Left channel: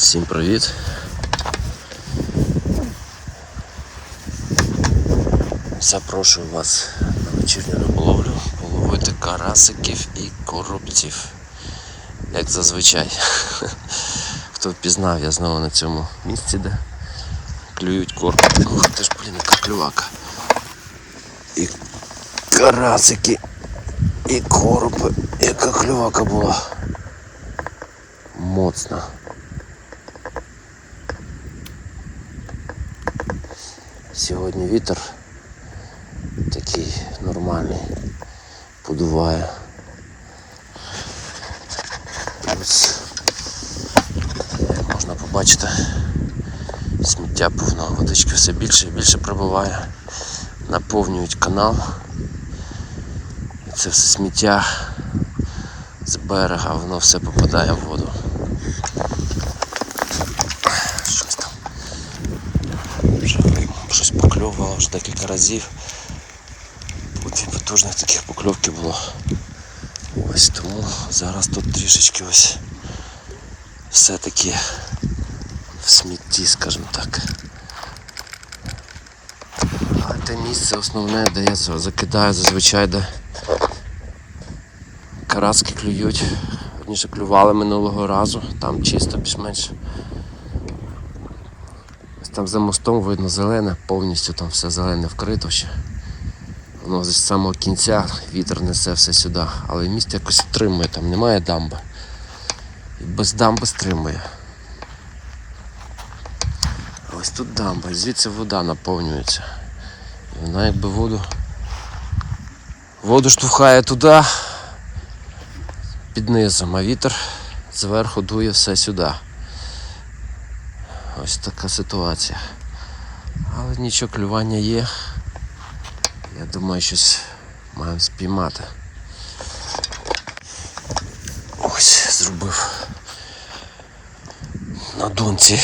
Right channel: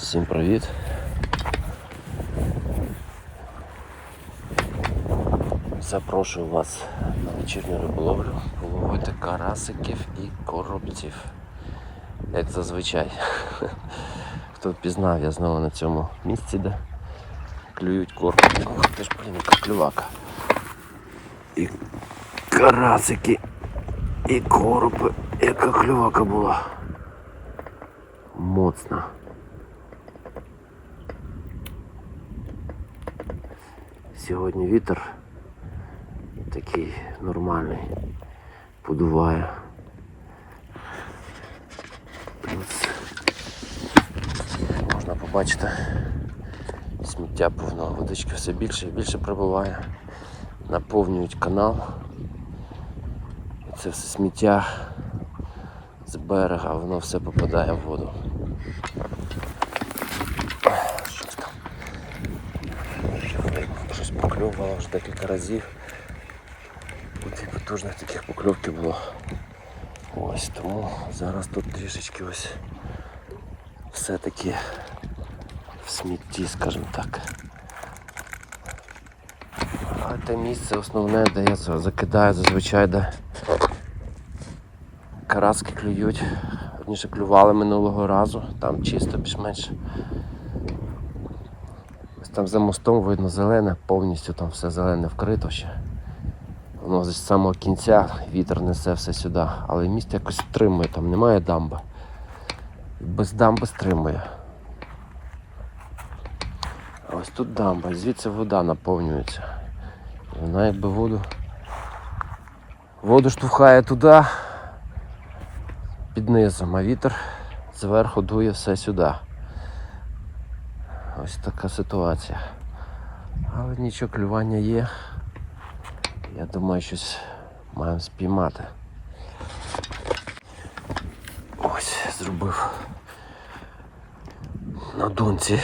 Всім привіт. Запрошую вас на вечірню риболовлю половити карасиків і коробців. Як зазвичай. Хто впізнав, я знову на цьому місці, де клюють корм. Ох, ти ж, блін, яка клювака. І карасики, і коропи. Яка клювака була. Моцна. Сьогодні вітер такий нормальний, подуває. Плюс, як можна побачити, сміття повно, водички все більше і більше прибуває, наповнюють канал. І це все сміття з берега, воно все попадає в воду. Щось там. Вже щось покльовувало вже декілька разів. Дві потужних таких покльовки було. Ось тому зараз тут трішечки ось все-таки в смітті, скажімо так. Але те місце основне, де я закидаю зазвичай, де караски клюють. Одніше клювали минулого разу, там чисто більш-менш. Там за мостом видно зелене, повністю там все зелене вкрито ще. Воно з самого кінця вітер несе все сюди, але міст якось стримує, там немає дамби. І без дамби стримує. А ось тут дамба, звідси вода наповнюється. І вона якби воду. Воду штовхає туди під низом, а вітер зверху дує все сюди. Ось така ситуація. Але нічого, клювання є. Я думаю, щось маємо спіймати. Ось зробив на донці.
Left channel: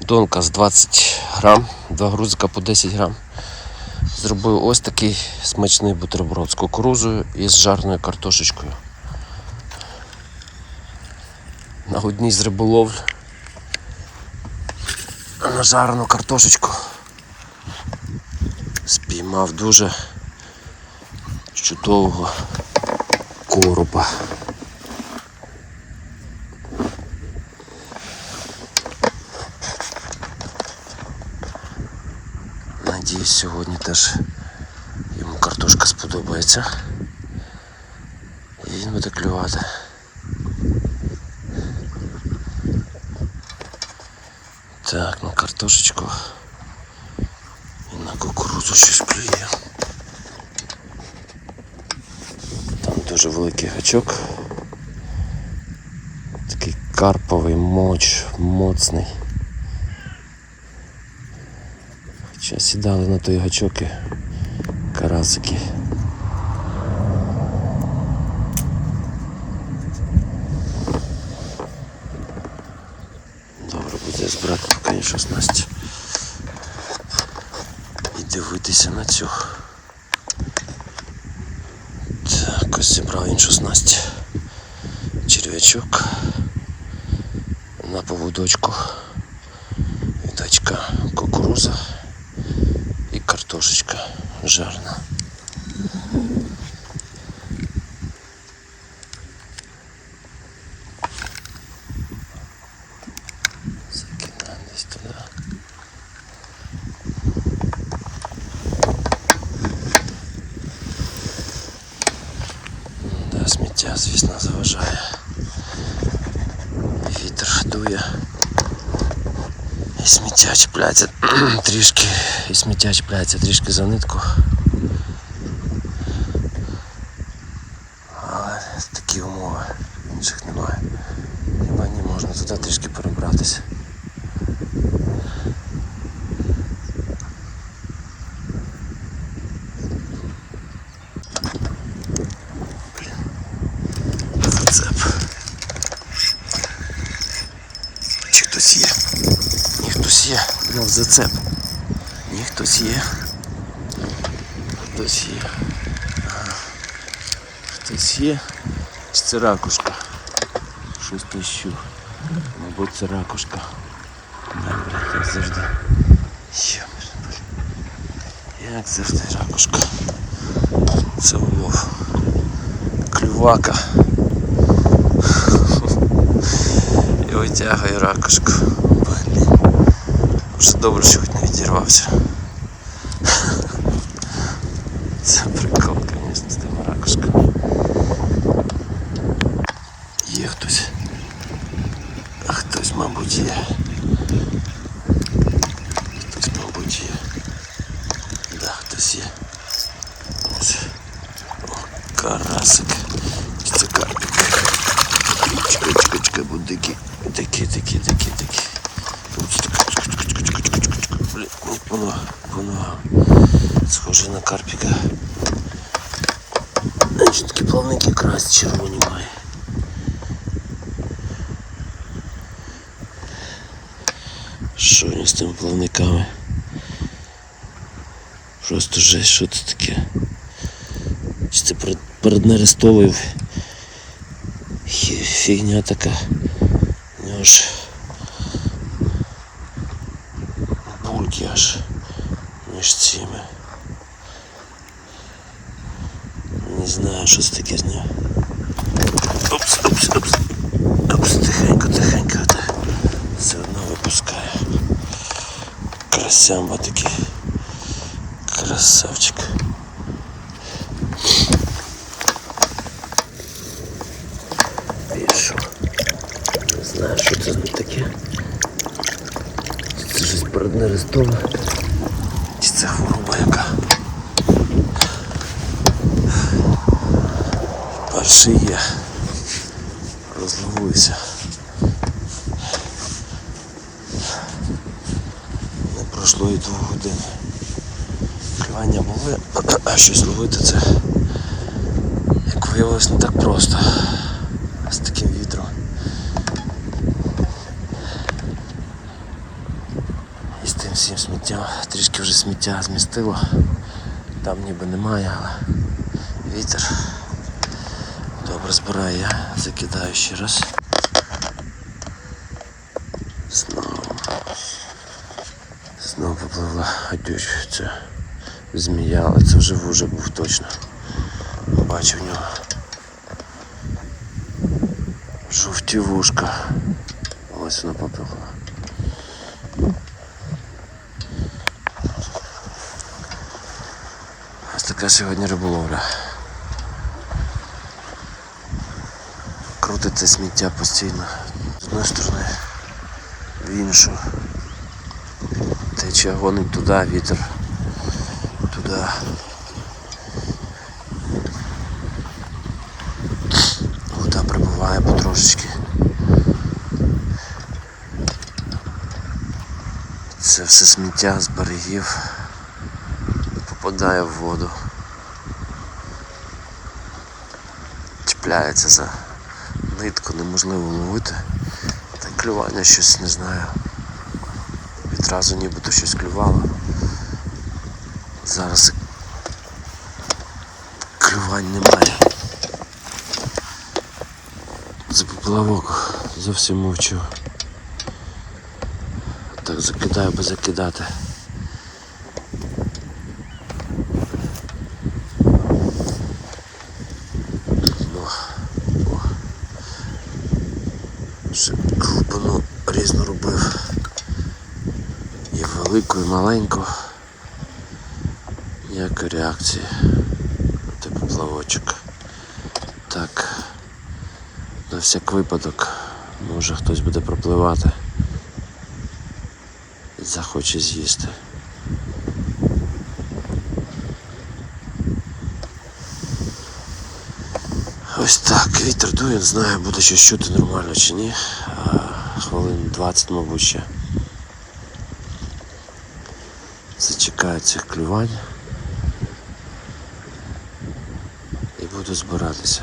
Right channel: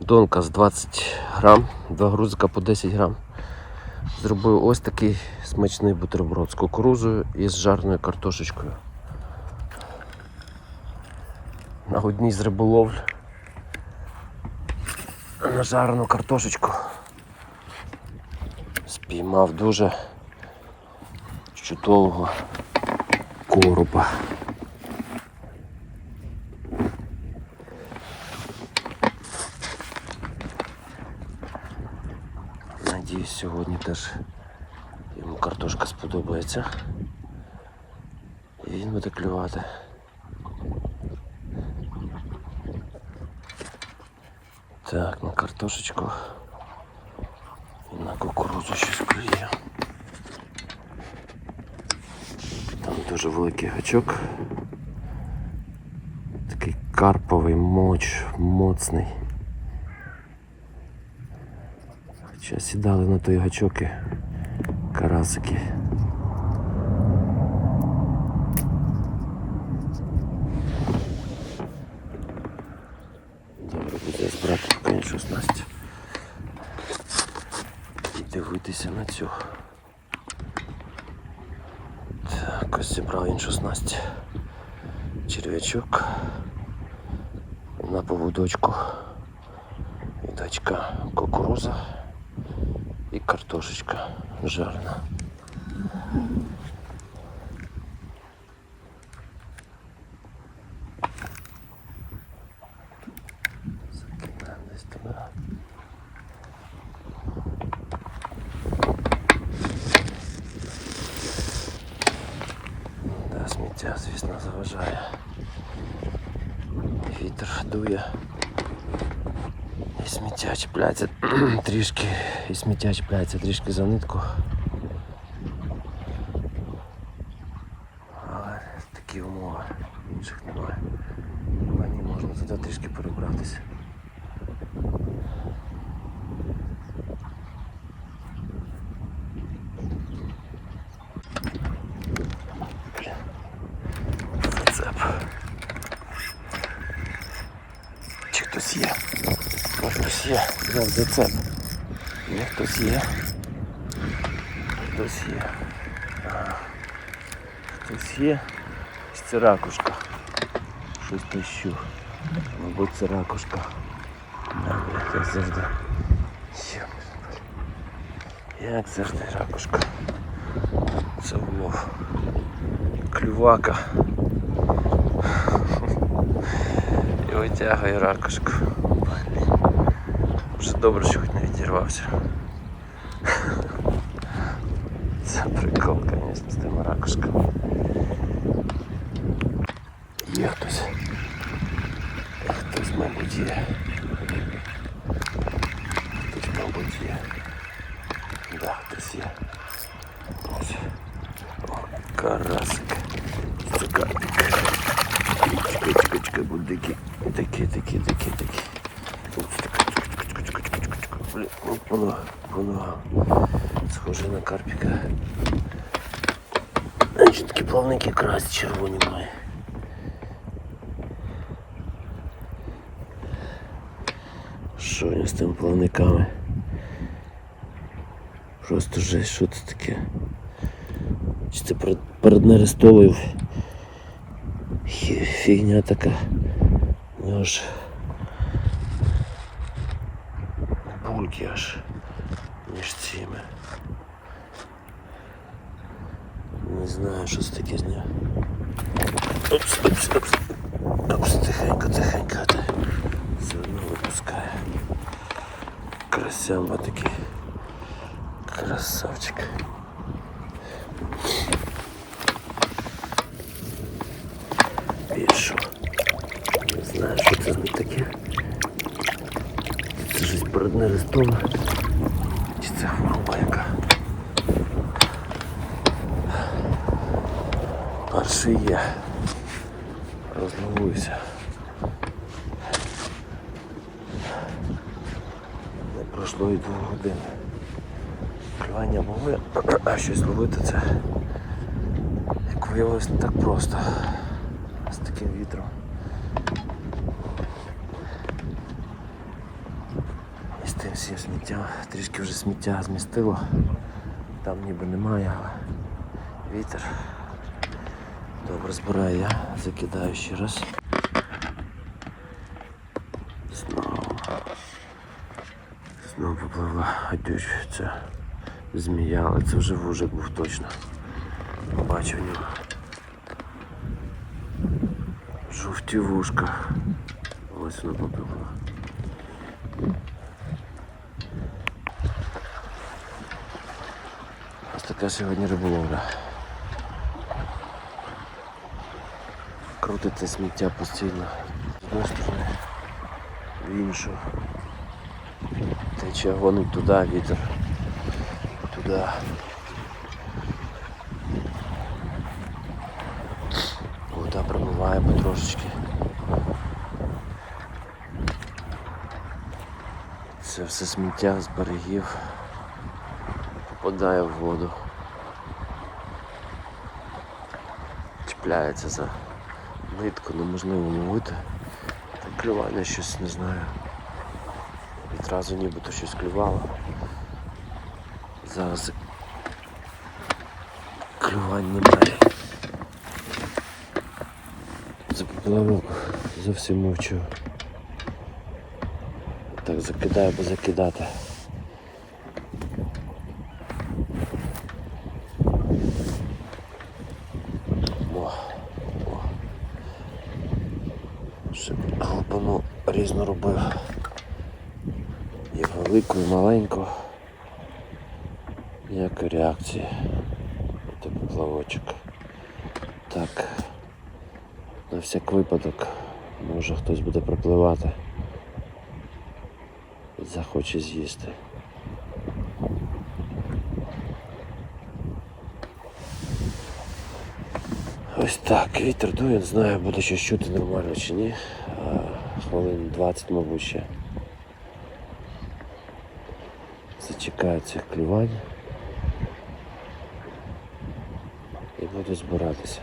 Донка з 20 грам, два грузика по 10 грам. Зробив ось такий смачний бутерброд з кукурузою і з жарною картошечкою. На одній з риболовль на жарену картошечку спіймав дуже чудового коропа. Надіюсь, сьогодні теж йому картошка сподобається. І він буде клювати. Так, на картошечку і на кукурудзу щось клює. Там дуже великий гачок. Такий карповий моч, моцний. Хоча сідали на той гачок і карасики. 16 і дивитися на цю. Так, ось зібрав він 16 черв'ячок на поводочку. Віддачка кукуруза і картошечка жарна. Сміття, звісно, заважає. Вітер дує. І сміття чіпляється трішки, і сміття чіпляється трішки за нитку. Але такі умови, інших немає. Хіба ні можна туди трішки перебратися. Блін. Зацеп. Чи хтось є? Ні, хтось є. Мав зацеп. Ні, хтось є. Хтось є. Хтось є. Чи це ракушка? Щось тищу. Мабуть, це ракушка. Да, блядь, як завжди. Як завжди ракушка. Це улов. Клювака. витягує ракушку. Блін. Вже добре, що хоч не відірвався. Це прикол, звісно, з тими ракушками. Є хтось. Хтось, мабуть, є. Хтось, мабуть, є. Да, хтось є. Ось. О, карасик. Чи Це карпік. Чекай, чекай, чекай, будь такі. Такі, такі, такі, такі. Блін, по ногам, по ногам. Схоже на карпіка. Значить такі плавники красть червоні має. Що у нього з тими плавниками? Просто жесть, що це таке? Чи це перед, перед фігня така. У нього ж бульки аж між цими. Не знаю, що це таке з ним. Опс, опс, опс. Опс, тихенько, тихенько. Та Все одно випускає. Красямба такий. Красавчик. Що це таке. Це щось переднерестове. Чи це хвороба яка. Перший є. Розловуюся. Не пройшло і двох годин. Клювання були, а щось ловити це, як виявилось, не так просто. З таким вітром. І з тим всім сміттям. Трішки вже сміття змістило. Там ніби немає, але вітер. Добре збираю я, закидаю ще раз. Знову. Знову попливла гадюч. Це змія, але це вже вужик був точно. Бачив в нього. Жовті вушка. Ось вона попливла. Ось така сьогодні риболовля. Крутиться сміття постійно. З одної сторони в іншу. Тече гонить туди, вітер. Туди. Вода прибуває потрошечки. Це все сміття з берегів попадає в воду. Чіпляється за нитку, неможливо ловити. Та клювання щось не знаю. Відразу нібито щось клювало. Зараз клювань немає. За поплавок зовсім мовчу. Так закидаю, би закидати. І маленьку. Ніякої реакції. Це поплавочок. Так. На всяк випадок, може хтось буде пропливати і захоче з'їсти. Ось так, вітер дує, не знаю, буде щось чути нормально чи ні. Хвилин 20, мабуть, ще зачекаю цих клювань і буду збиратися.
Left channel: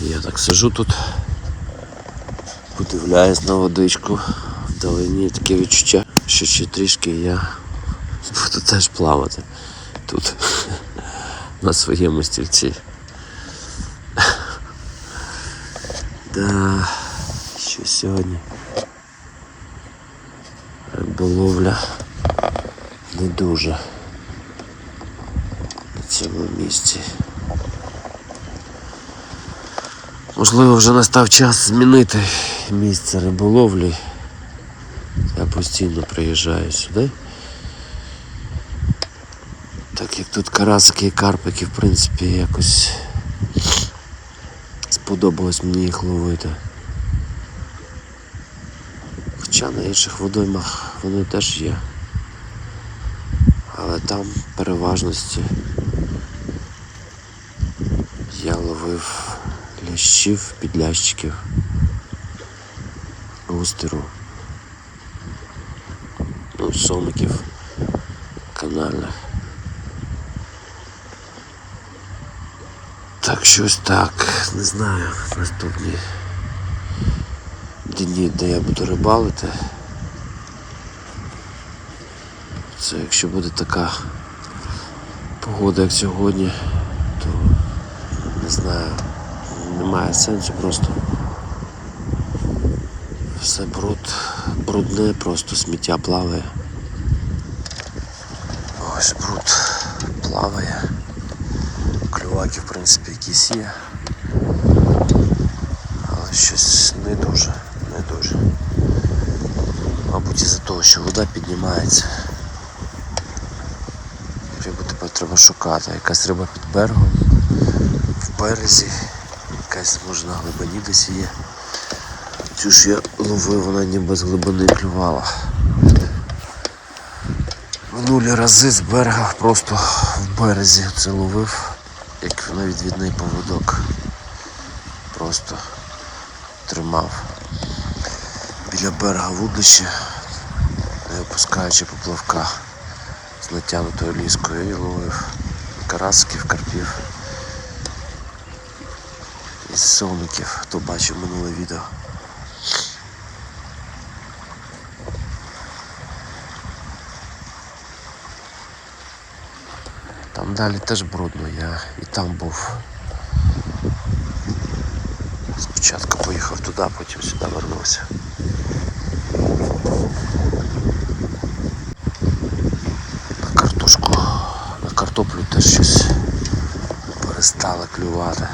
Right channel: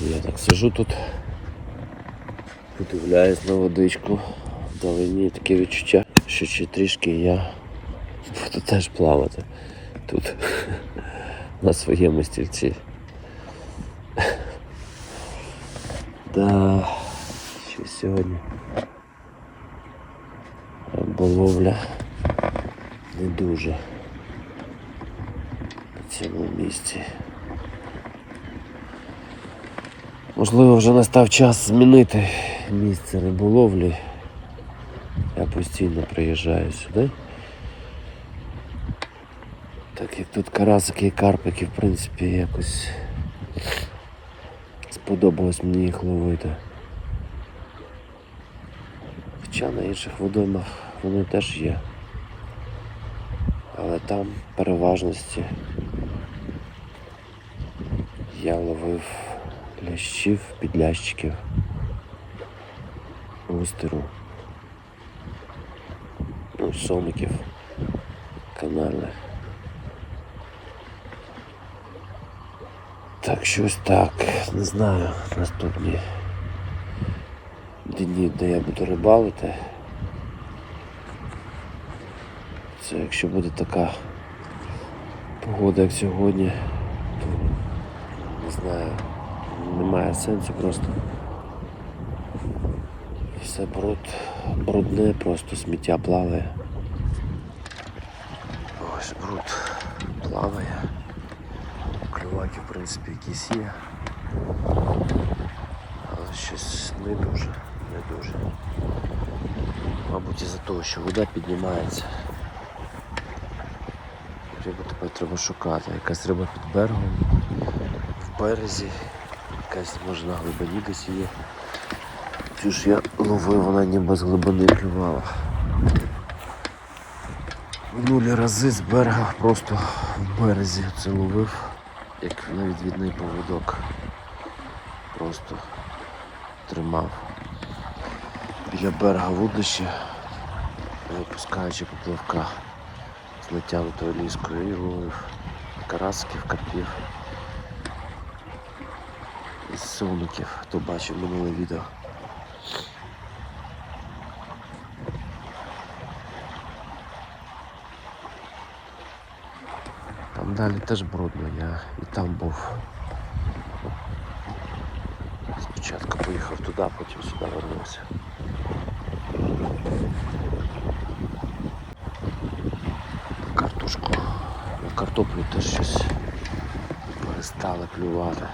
Я так сижу тут, подивляюсь на водичку, вдалині таке відчуття, що ще трішки я буду теж плавати тут на своєму стільці. Да що сьогодні риболовля не дуже на цьому місці. Можливо, вже настав час змінити місце риболовлі. Я постійно приїжджаю сюди. Так як тут карасики і карпики, в принципі, якось сподобалось мені їх ловити. Хоча на інших водоймах вони теж є. Але там переважності я ловив лящів, підлящиків, густеру, ну, сомиків канальних. Так, щось так, не знаю, наступні дні, де я буду рибалити. Це якщо буде така погода, як сьогодні, то не знаю, немає сенсу просто. Все бруд, брудне, просто сміття плаває. Ось бруд плаває. Клюваки, в принципі, якісь є. Але щось не дуже. Мабуть, із-за того, що вода піднімається. Рибу тепер треба шукати. Якась риба під берегом, в березі, якась може на глибині десь є. Цю ж я ловив, вона ніби з глибини клювала. Минулі рази з берега просто в березі це ловив, як на відвідний поводок. Просто тримав біля берега вудлище, не опускаючи поплавка з натягнутою ліскою і ловив карасків, карпів із совників, хто бачив минуле відео. Там далі теж брудно, я і там був. Спочатку поїхав туди, потім сюди вернувся. На картошку, на картоплю теж щось перестали клювати.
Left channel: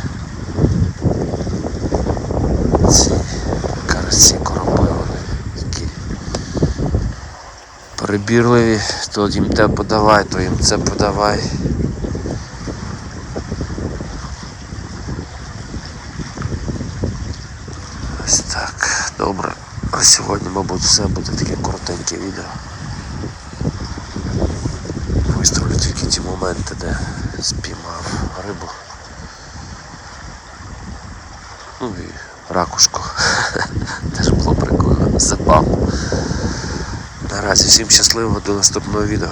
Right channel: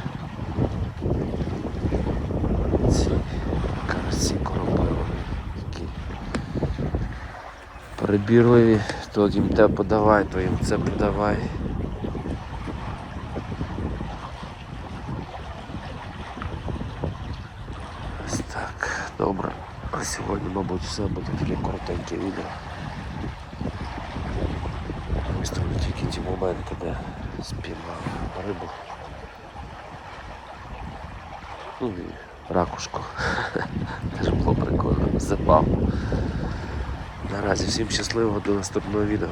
Ці карасі коропи вони такі перебірливі, то їм те подавай, то їм це подавай. Ось так, добре. А сьогодні, мабуть, все буде таке коротеньке відео. Тільки ті моменти, де спіймав рибу. Ну і ракушку. Теж було прикольно. Забавно. Наразі всім щасливо до наступного відео.